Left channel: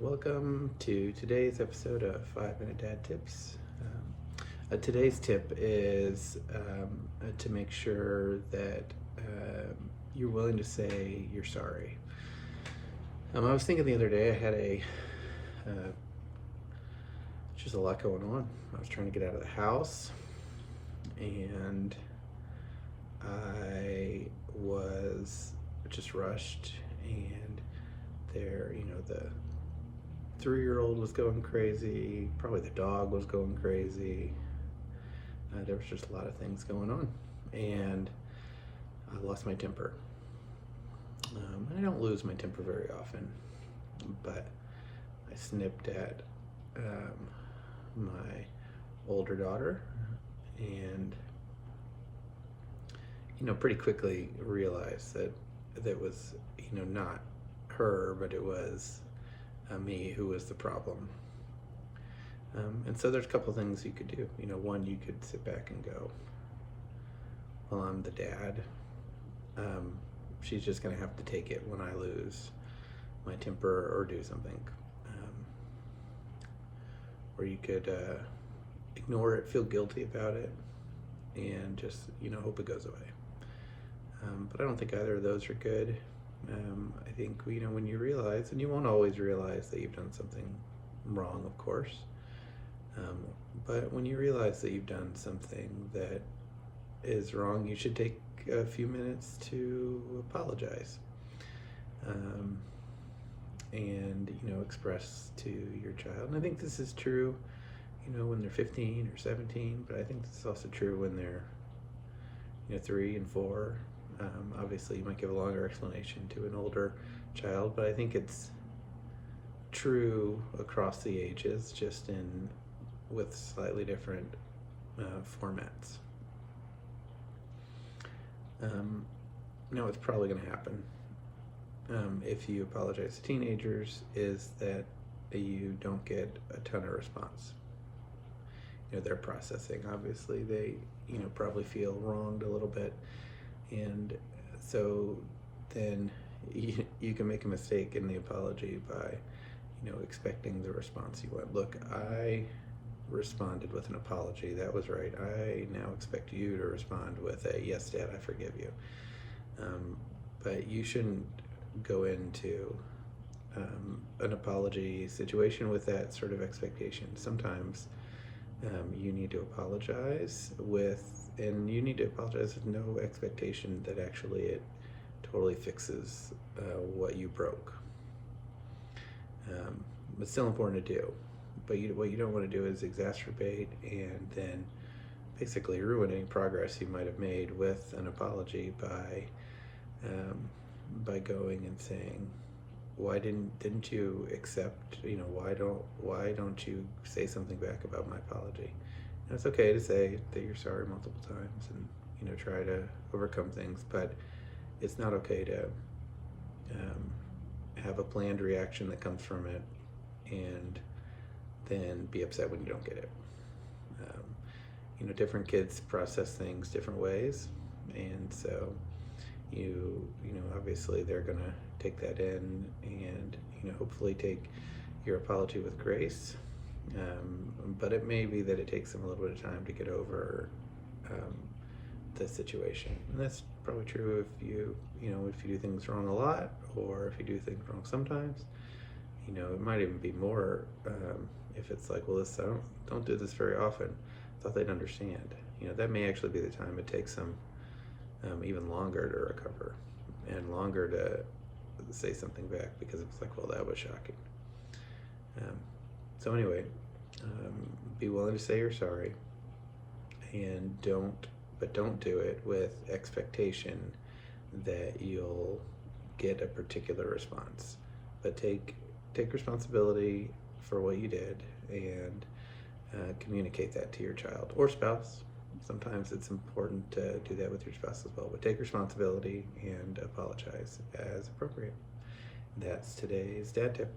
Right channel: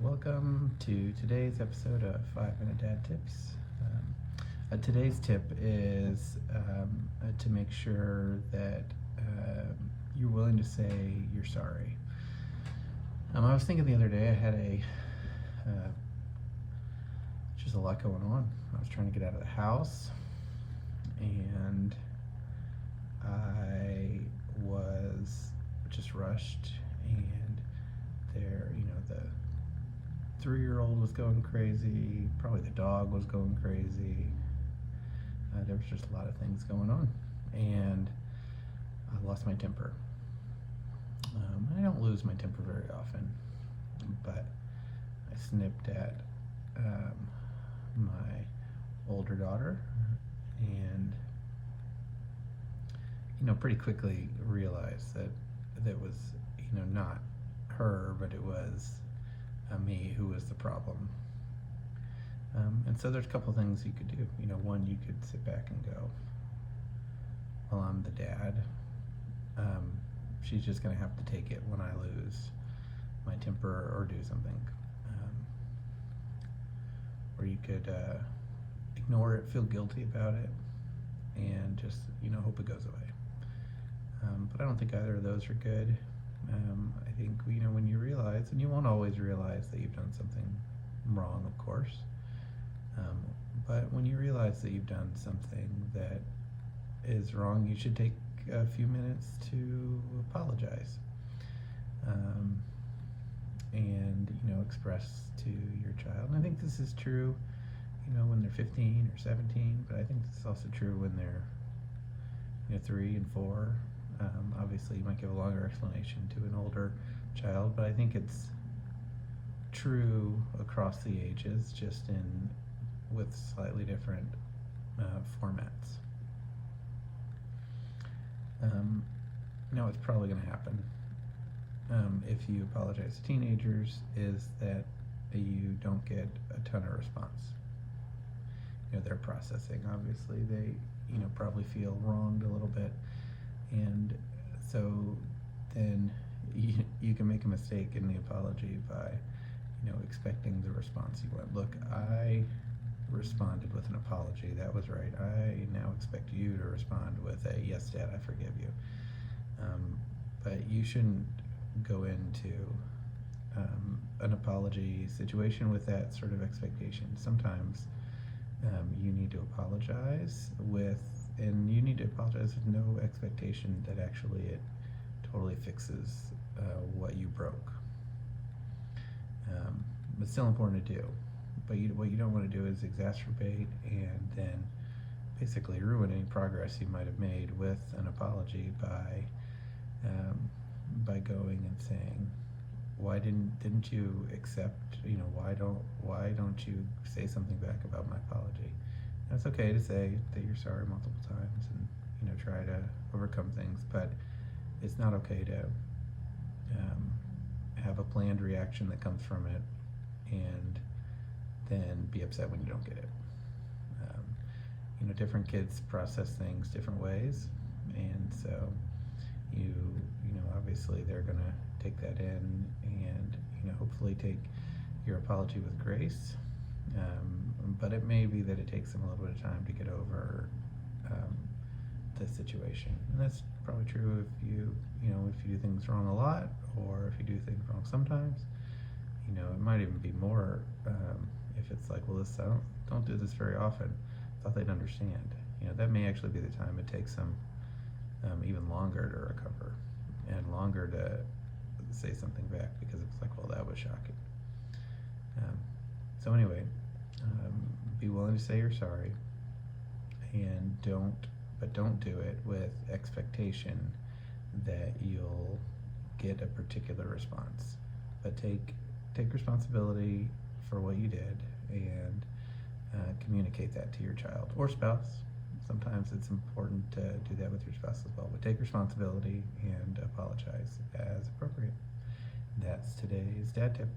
Welcome to today's episode of 5 Minute Dad Tips. Today's tip is to make sure that you're willing to say you're sorry. I was thinking the other day I had just a lot going on. I was trying to get out of the house, and I was just rushed, and the 3-year-old was going crazy, probably the dog was going crazy. There was just a lot of things going on, and I lost my temper. I don't lose my temper very often, but I snipped at my older daughter, and pretty quickly realized that that was not her, but it was me who was the problem. And so there's a couple things you could do. One, you could sit back and go, well, I'm the dad. She's just going to have to take it when I lose my temper or do something. Or you could ignore it, feel guilty about it, and just hope it goes away. But I don't think either of those are good. I think when you realize, and you won't always realize that you've done something wrong, of course, but when you realize that you've done something that is wrong, you should take a few minutes to apologize, and express to your child. And I think this is true when they're 15 or 17, but I think this is also true when they're 3 and 4. Obviously you might give a longer explanation to an older child, but I think it's true across the ages, just with slightly different formats. Now what's probably going to happen if you apologize to teenagers is that you don't get a ton of response. They're processing, obviously. They probably feel wronged a little bit, and so then you can make a mistake in the apology by expecting the response you want. Look, I responded with an apology. That was right. I now expect you to respond with a yes, Dad, I forgive you. But you shouldn't go into an apology situation with that sort of expectation. Sometimes you need to apologize with no expectation that actually it totally fixes what you broke. It's still important to do, but what you don't want to do is exacerbate and then basically ruin any progress you might have made with an apology by going and saying, why didn't you accept, why don't you say something back about my apology? And it's okay to say that you're sorry multiple times and try to overcome things, but it's not okay to have a planned reaction that comes from it and then be upset when you don't get it. Different kids process things different ways, and so obviously they're gonna take that in and hopefully take your apology with grace, but it may be that it takes them a little bit of time to get over the situation. And that's probably true if you do things wrong a lot, or if you do things wrong sometimes. It might even be more if it's like, well, I don't do this very often. I thought they'd understand. That may actually be the time it takes them even longer to recover and longer to say something back, because it's like, well, that was shocking. So anyway, be willing to say you're sorry, and don't do it with expectation that you'll get a particular response. But take responsibility for what you did, and communicate that to your child or spouse. Sometimes it's important to do that with your spouse as well, but take responsibility and apologize as appropriate. That's today's dad tip.